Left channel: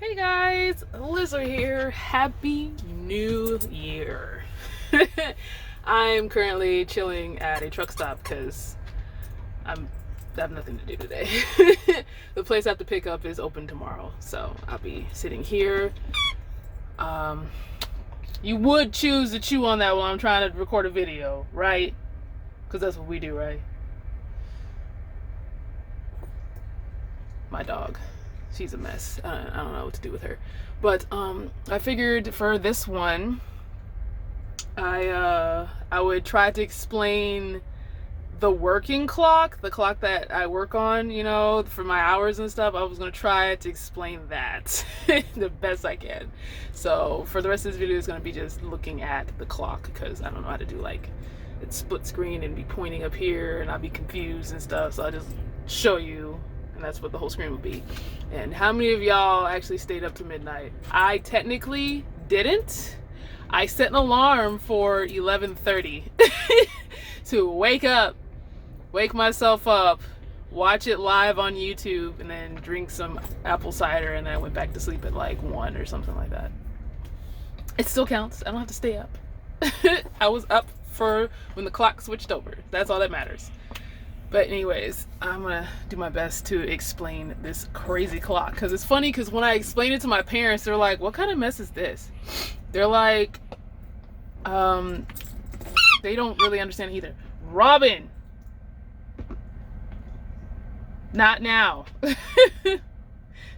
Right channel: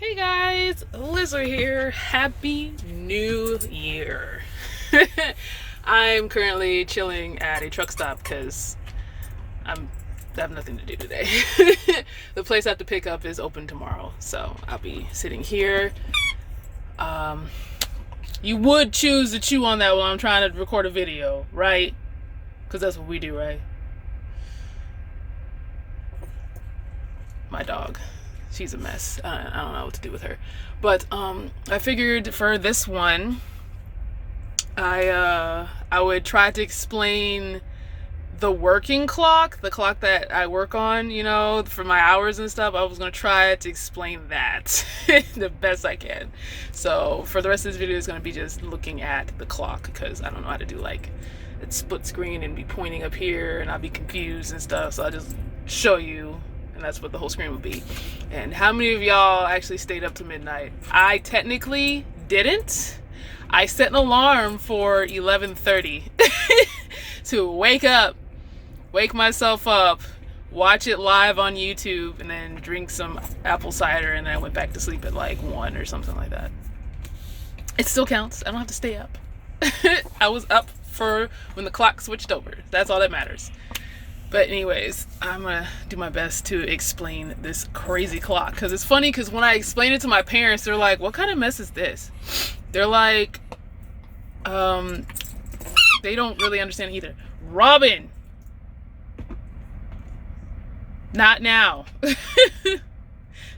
Hey guys, Lizard here. Happy New Year. I'm currently chilling at a truck stop because I have nothing to do today. The place I have to pick up is open tomorrow, so I'll be sitting here. You would choose to chew on that while I'm trying to record a video, right? Because that's what we do, right? My dog. She's a mess. I don't know what to do with her. But I figured for this one, I would try to explain the working clock, the clock that I work on, for my hours and stuff. I was gonna try to explain that the best I can. So for the rest of this video, it's gonna be just looking at the clock because I don't know how to do like a split screen and be pointing up here and I'll be confused and stuff. So I'll just show you, and that's what the whole screen would be. And how many of y'all actually stayed up to midnight? I technically didn't. I set an alarm for 11:30 to wake myself up, watch it live on YouTube, and then drink some apple cider, and then I went back to sleep at like 1 or something like that. It still counts. I don't have to stay up. I was up for when the clock switched over. That's all that matters. But anyways, I'm gonna do my best to explain this crazy clock because it's funny because when I explain it to my parents, they're like, what kind of mess is this? They're like, they don't really understand either. Robin, not now.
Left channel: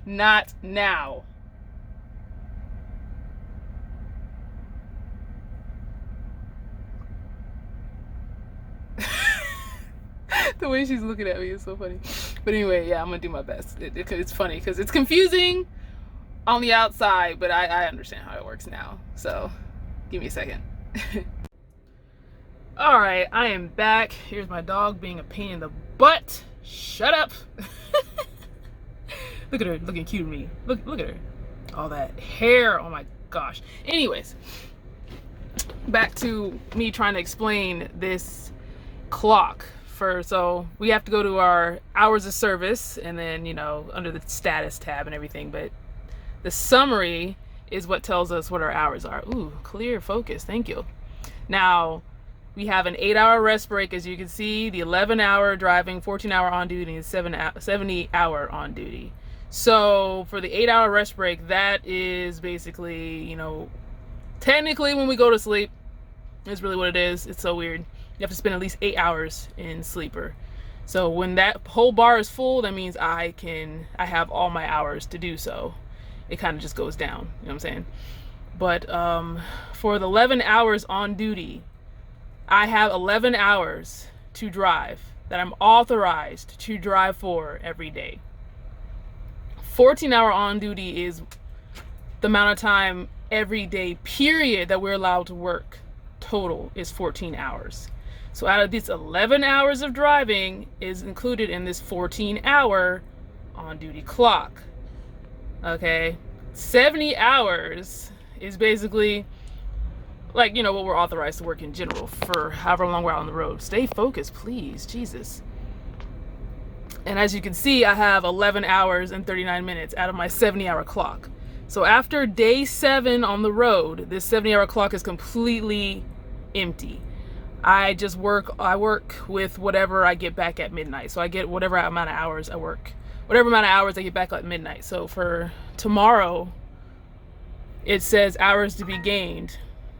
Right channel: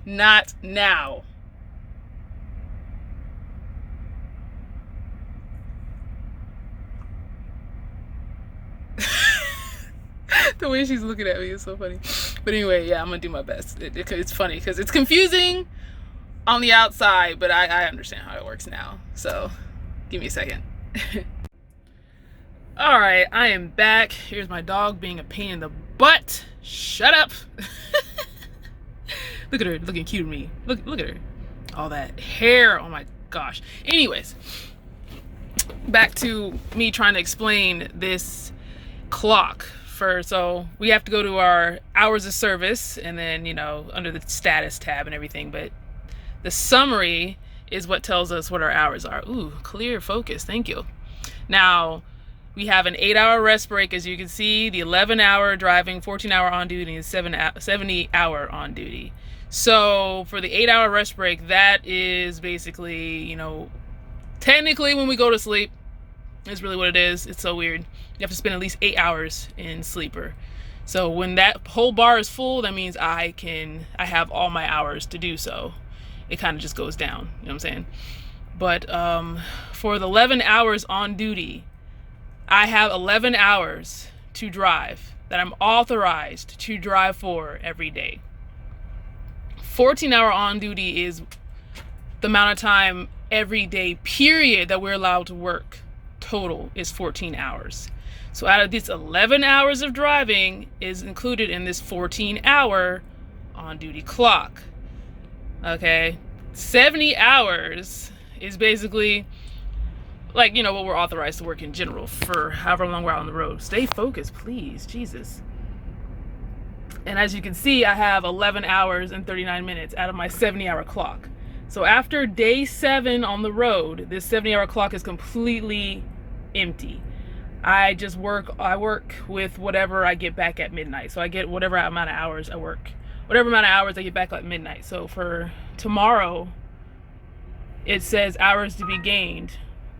Not now. The way she's looking at me is so funny. But anyway, yeah, I'm gonna do my best. It's funny because it's confusing on the outside, but I understand how it works now. So give me a second. All right, I am back. Here's my dog being a pain in the butt. Shut up. Look at her looking cute to me. Look at her. All that hair. Oh my gosh. Anyways, back to me trying to explain this clock. So we have to go to our hours of service and then, under the status tab and everything. But the summary is what tells us what our hours are. Ooh, clear focus. Thank you. Now, we have an 8-hour rest break, as you can see, the 11-hour driving, 14-hour on duty, and 70-hour on duty. So for the 8-hour rest break, that is basically, technically when we go to sleep, is really what it is. It's so weird. You have to spend at least 8 hours in sleeper. So when that whole bar is full, that means I have all my hours to do so. It kind of just goes down, you know what I'm saying? But for the 11 hours on duty, I have 11 hours to drive that I'm authorized to drive for every day. 14-hour on duty is the amount of time every day period that we're allowed to work. Total is 14 hours. So out of this 11 hours of driving is included in this 14-hour on-duty clock. Okay? 70 hours is basically like, what we're authorized to work in general for however long we're out on the road. Stay focused, please. Jesus. And as you can see, I have 11 hours and 39 minutes out of my 70-hour clock. So after day 7 on the road, this 70-hour clock is completely empty. I work with whatever I get back at midnight. So I get whatever amount of hours I work. Whatever amount of hours I get back at midnight. So for tomorrow, it says hours to be gained.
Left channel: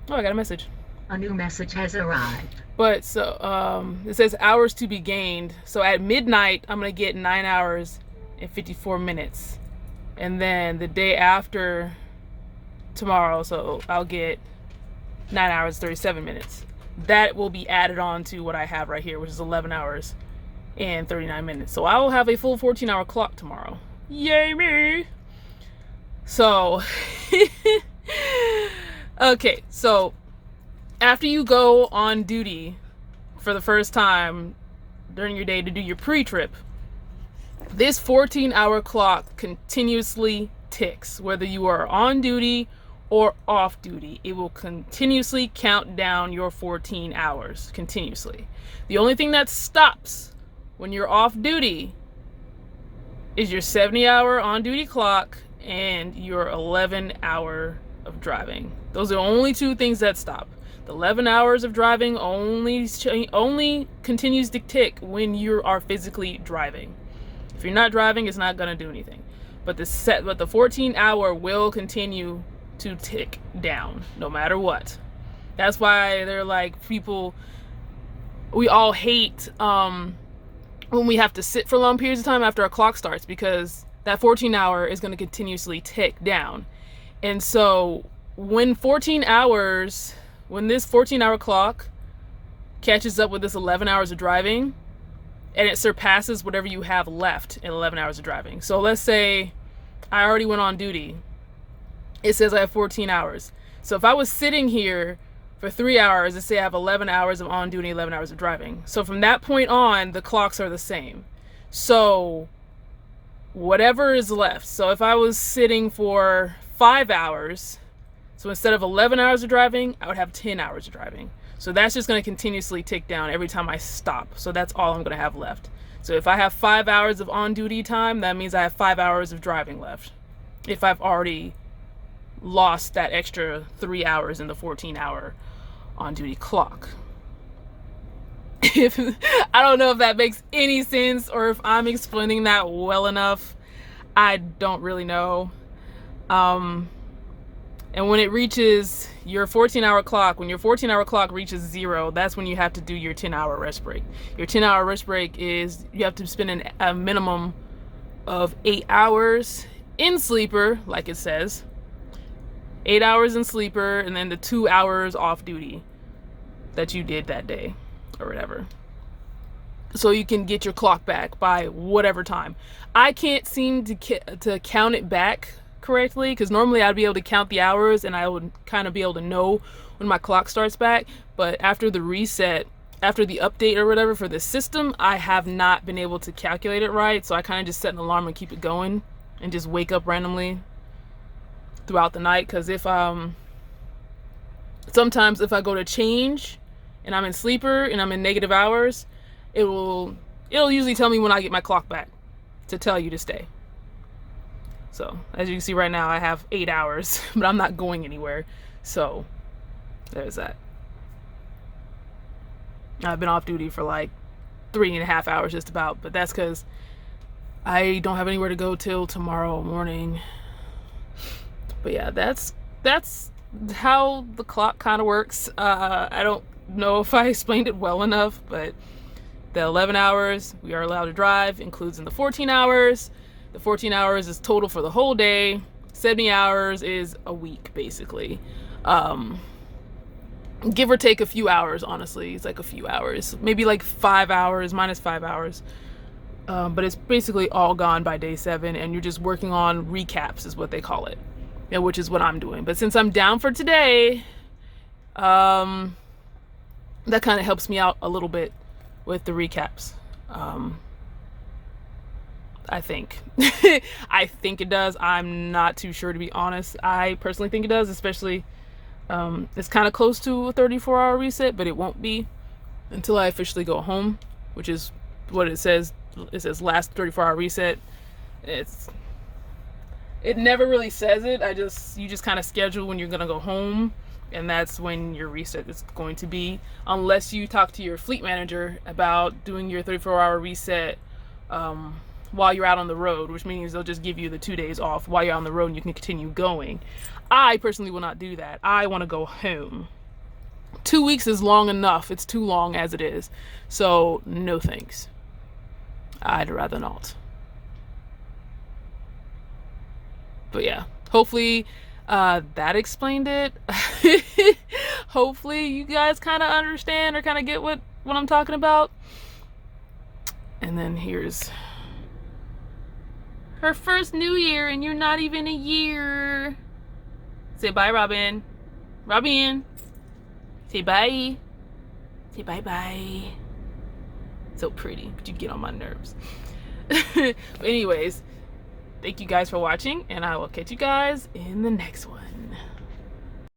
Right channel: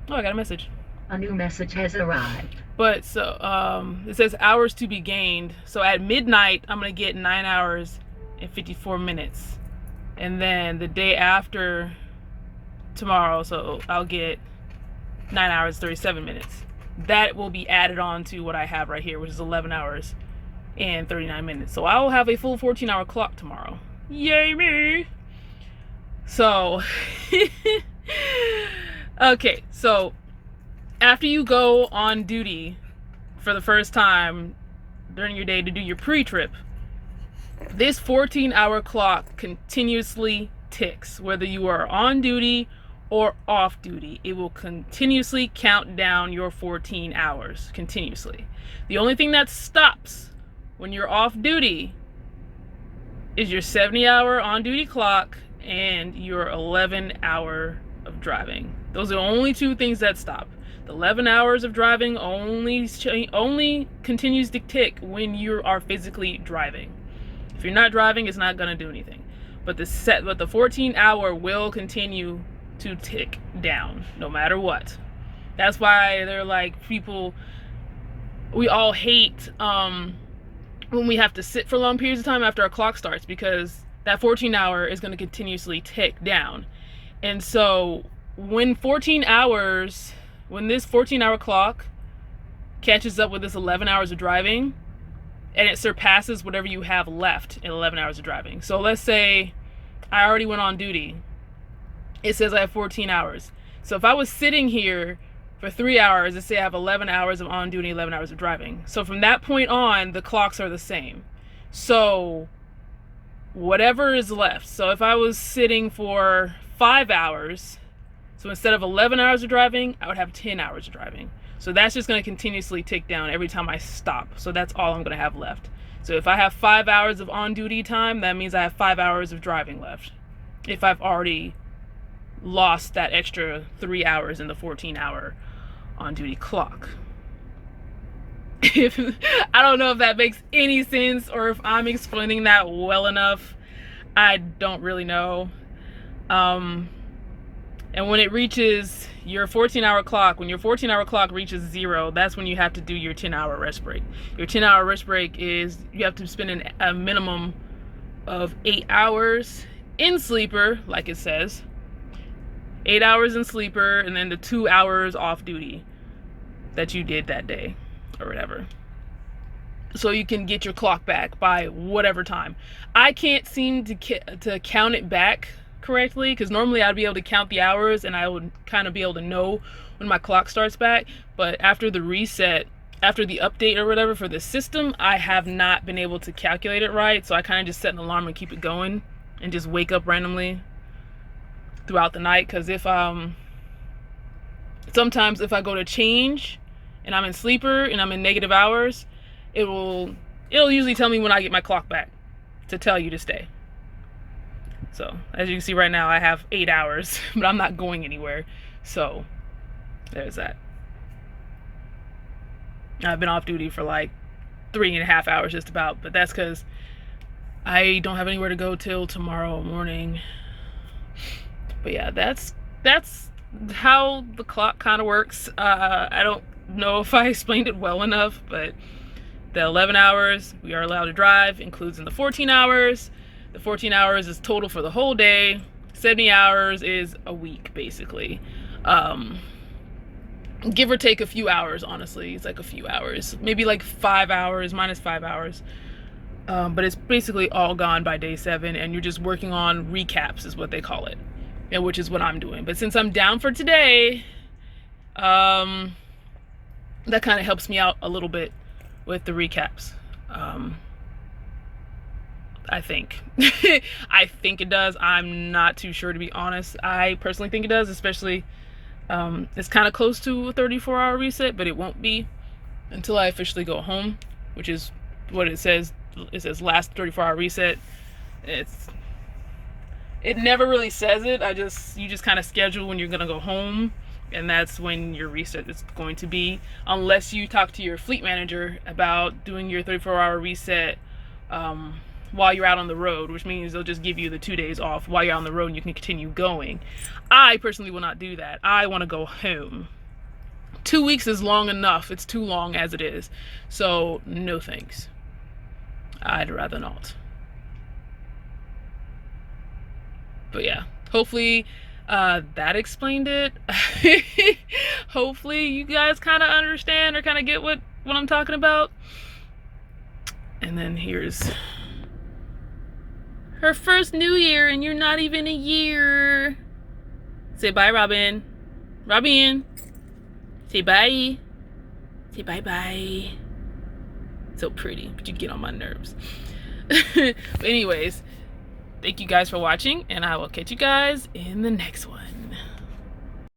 Oh, I got a message. A new message has arrived. But so it says hours to be gained. So at midnight, I'm going to get 9 hours and 54 minutes. And then the day after tomorrow, so I'll get 9 hours, 37 minutes. That will be added on to what I have right here, which is 11 hours and 39 minutes. So I will have a full 14-hour clock tomorrow. Yay me! So, okay, so after you go on duty for the first time during your day to do your pre-trip, this 14-hour clock continuously ticks, whether you are on duty or off duty. It will continuously count down your 14 hours continuously. The only thing that stops when you're off duty is your 70-hour on duty clock and your 11-hour of driving. Those are the only two things that stop. The 11 hours of driving only continues to tick when you are physically driving. If you're not driving, it's not gonna do anything. But the 14-hour will continue to tick down no matter what. That's why they're like, people, we all hate when we have to sit for long periods of time after our clock starts, because that 14-hour is going to continuously tick down. And so when this 14-hour clock catches up with this 11 hours of driving, and it surpasses whatever you have left in 11 hours of driving. So let's say I already went on duty. It says I have 14 hours. So if I was sitting here for 3 hours, let's say I have 11 hours of on duty, 11 hours of driving. So from that point on, the clocks are the same. So whatever is left. So if I was sitting for 5 hours, so instead of 11 hours of driving, I would have 10 hours of driving. So that's just going to continuously tick down every time I stop. So that's all I'm going to have left. So if I have 5 hours of on-duty time, that means I have 5 hours of driving left. If I've already lost that extra 3 hours in the 14-hour on-duty clock. I don't know if that makes any sense or if I'm explaining that well enough. I don't really know. And when it reaches your 14-hour clock, when your 14-hour clock reaches 0, that's when you have to do your 10-hour rest break. Your 10-hour rest break is you have to spend a minimum of 8 hours in sleeper, like it says. 8 hours in sleeper, and then the 2 hours off duty that you did that day or whatever. So you can get your clock back by whatever time. I can't seem to count it back correctly, because normally I'd be able to count the hours and I would kind of be able to know when my clock starts back. But after the reset, after the update or whatever for the system, I have not been able to calculate it right. So I kind of just set an alarm and keep it going and just wake up randomly throughout the night. Because if sometimes if I go to change and I'm in sleeper and I'm in negative hours, it'll usually tell me when I get my clock back to tell you to stay. So as you can see right now, I have 8 hours, but I'm not going anywhere. So there's that. I've been off duty for like 3.5 hours just about, but that's because I don't have anywhere to go till tomorrow morning. But yeah, that's how the clock kind of works. I don't know if I explained it well enough, but the 11 hours we are allowed to drive includes in the 14 hours. The 14 hours is total for the whole day. 70 hours is a week, basically. Give or take a few hours, honestly. It's like a few hours. Maybe like 5 hours, minus 5 hours. But it's basically all gone by day 7, and you're just working on recaps is what they call it. Yeah, which is what I'm doing. But since I'm down for today, that kind of helps me out a little bit with the recaps. I think. I think it does. I'm not too sure, to be honest. I personally think it does, especially it's kind of close to a 34-hour reset, but it won't be until I officially go home, which is what it says. It says last 34-hour reset. It never really says it. You just kind of schedule when you're gonna go home, and that's when your reset is going to be, unless you talk to your fleet manager about doing your 34-hour reset while you're out on the road, which means they'll just give you the 2 days off while you're on the road and you can continue going. I personally will not do that. I want to go home. 2 weeks is long enough. It's too long as it is. So no thanks. I'd rather not. But yeah, hopefully that explained it. Hopefully you guys kind of understand or kind of get what I'm talking about. And then here's her first new year, and you're not even a year. Say bye, Robin. Robin. Say bye. Say bye-bye. So pretty, but you get on my nerves. But anyways, thank you guys for watching, and I will catch you guys in the next one.